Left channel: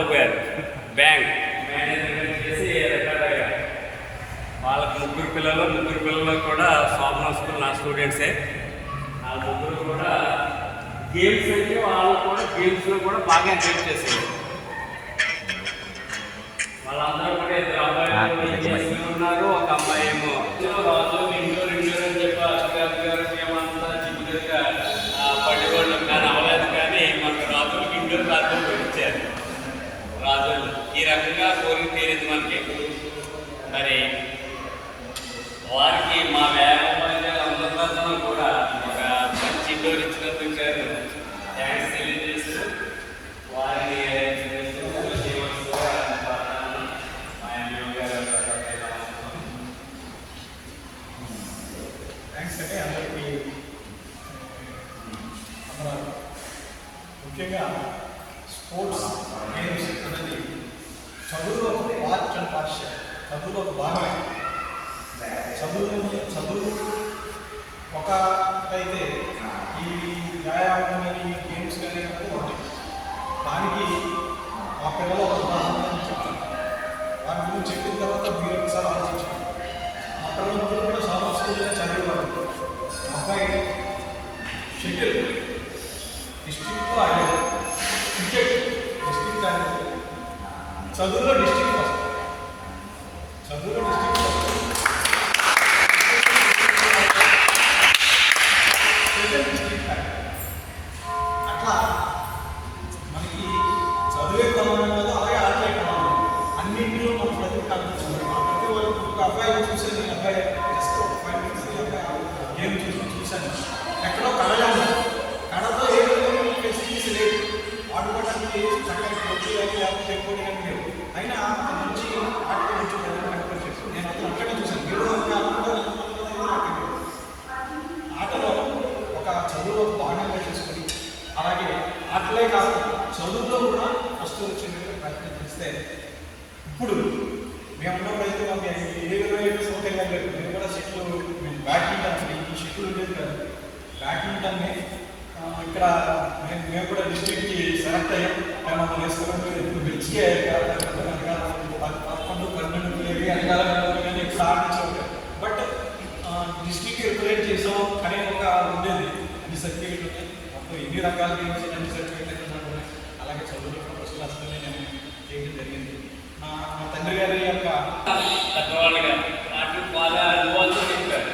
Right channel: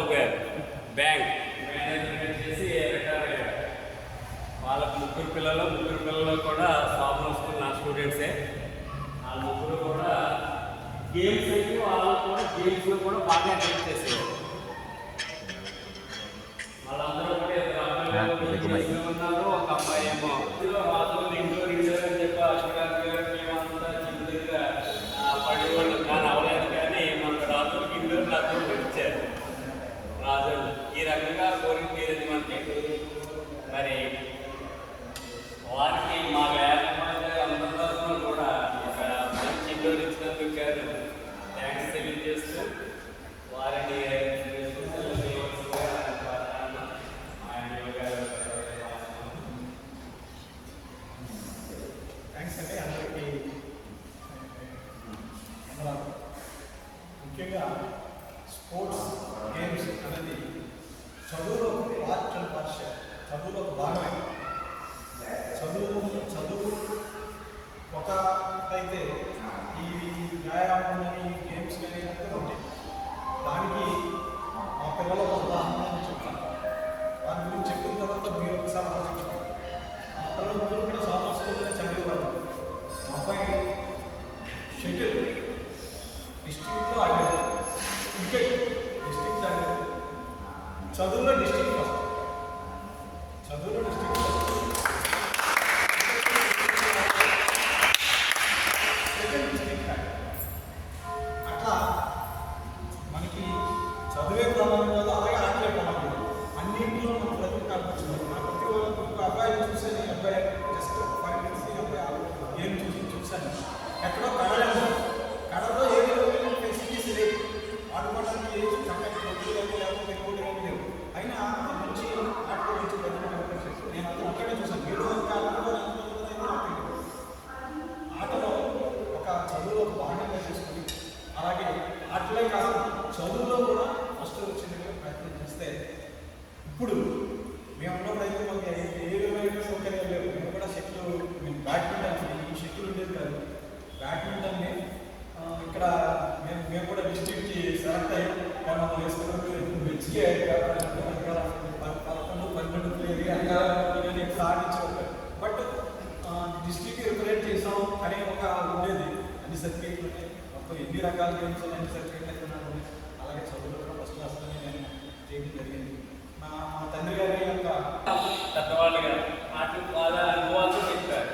రాంబాబు గారు bank manager చేసి retire అయ్యారు. వాళ్ళకి ముగ్గురు పిల్లలు కూడా శోభన స్కూల్ నా స్టూడెంట్సే. ఆ ముగ్గురు కూడా గేమ్స్ అయితే వాళ్ళు కూడా గేమ్స్లో కూడా బాగా ఎంకరేజ్ చేశారు. వాళ్ళందరూ కూడా ఇద్దరు అబ్బాయిలు ఉన్నారు, ఒక అమ్మాయి ఏమో రాజు ఇండోర్ అని చెప్పి అధికారులు మేమంతా చిన్నగా పడేవాళ్ళు కానీ అవ్వలేదు. కానీ మనకు రాజులకి ఇండోర్ రాజులు ఇచ్చారు. రాజులు ఈ రకంగా కోరిక తీరింది మనకి. మరి వారికి మా అందరిలో కూడా ఒక మంచి ఇండోర్ ఇచ్చినందుకు థ్యాంక్స్ తెలియజేస్తూ వారిని ముఖ్యంగా స్పోర్ట్స్ గేమ్స్ అనేది చదువులో ఒక పార్ట్ అండ్ పార్షియల్, చదువులో ఒక భాగమే. చదువు ఒక అయితే ఈ వ్యాయామం కానీ గేమ్స్ కానీ ఒకటి. దానికి మా పిల్లలు ఒక ఉదాహరణ చెప్పారు. దాని గురించి చెప్పిన తర్వాత మీరు ఒకసారి ఆలోచించారు. మా పిల్లలందరూ కూడా చాలా స్కూల్లో చదివేవారు. అబ్బాయి షటిల్ డిస్ట్రిక్ట్లో ఆడారు, క్రికెట్ డిస్ట్రిక్ట్ ఆడారు, చదువులో డిస్ట్రిక్ట్ ఫస్ట్, చదువులో డిస్ట్రిక్ట్ అట్లా మనకి చదువే కొనాలి కదా, అలాగే ఆటలే కొనాలి. అన్నింటిలో మన ప్రతి కనిపించాలి. ప్రతి వాళ్ళు ఒక అబ్బాయి చూసాను, ఈ అబ్బాయి జస్ట్ ఒక 5 minutes గేమ్ చూశాను. ఎక్కడో కడగాలి, కడతో ఏదో ఫెసిలిటీస్ లేవు, ఆడుకోవడానికి చక్కగా కొట్టి లేకపోతే పోటీ లేవు. అయినా అతని నుంచి ఆట గురించి నేను అతను అక్కడే చూశాను. ఆటలో ఒక చదువులో భాగంగా చేసుకొని అలాగే ఆటలే కాకుండా చదువులో కూడా ఫస్ట్ వచ్చేందుకు ప్రయత్నం చేస్తే ఇప్పుడు మేము ఉన్నప్పుడైతే మాకు ఏ సౌకర్యం లేదు. మేము కూడా షెట్లు బ్యాడ్మింటన్ ఈ షెట్లు ఉండేది కాదు. బ్యాడ్మింటన్ని ఇక్కడ మేము కూడా డిస్ట్రిక్ట్కి సెలెక్ట్ అయ్యాం. కానీ మనం వేసుకున్నట్టు ఇప్పుడు బెచ్కే 11-12 ప్లేయర్ కానీ ఇప్పుడు ఆడించారు. బట్ డిస్ట్రిక్ట్ రిప్రజెంట్ చేసాం అనే ఒక ఉండేది. ఈ సర్టిఫికేట్ ఉన్నాయి, అప్పుడు ఎన్ని రకాల గేమ్స్ అన్ని సర్టిఫికేట్ ఉన్నాయి. అలాగే చదువులో ఫస్ట్ క్లాస్లోనే నేను చేయడం జరిగింది. మా తండ్రి గారి యొక్క పెద్దవాళ్ళుగా వాటిని బాగా అనుభవాలతో చెప్పారు.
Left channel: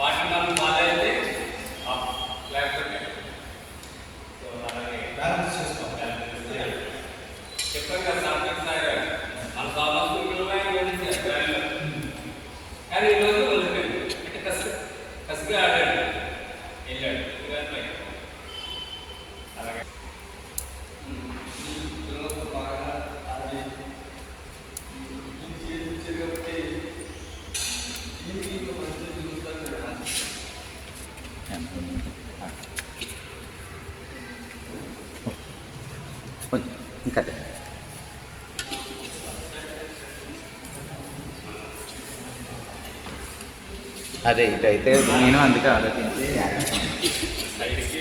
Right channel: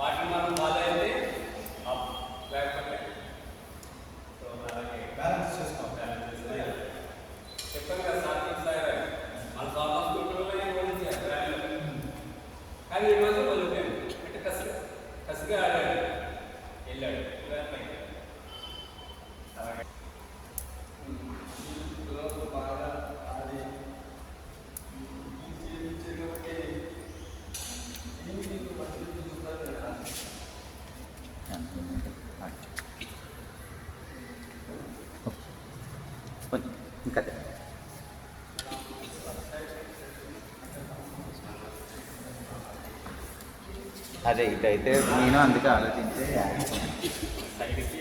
వాటిని మనం బాగా అయితే లేకపోతే బ్యాలెన్స్ చేసుకోవాలి. చెప్పారు కదా సాత్విక్ సార్ మన స్కూల్లో కానీ ఈరోజు వదిలిపోయింది. అంటే కసిగా ఆడాడు, వెళ్ళాడు. అలాగే బాగా ఆడి కాబట్టి ఇంకా అదే ఇటైతే నేను అందుకే ఆలోచించి సైడ్కి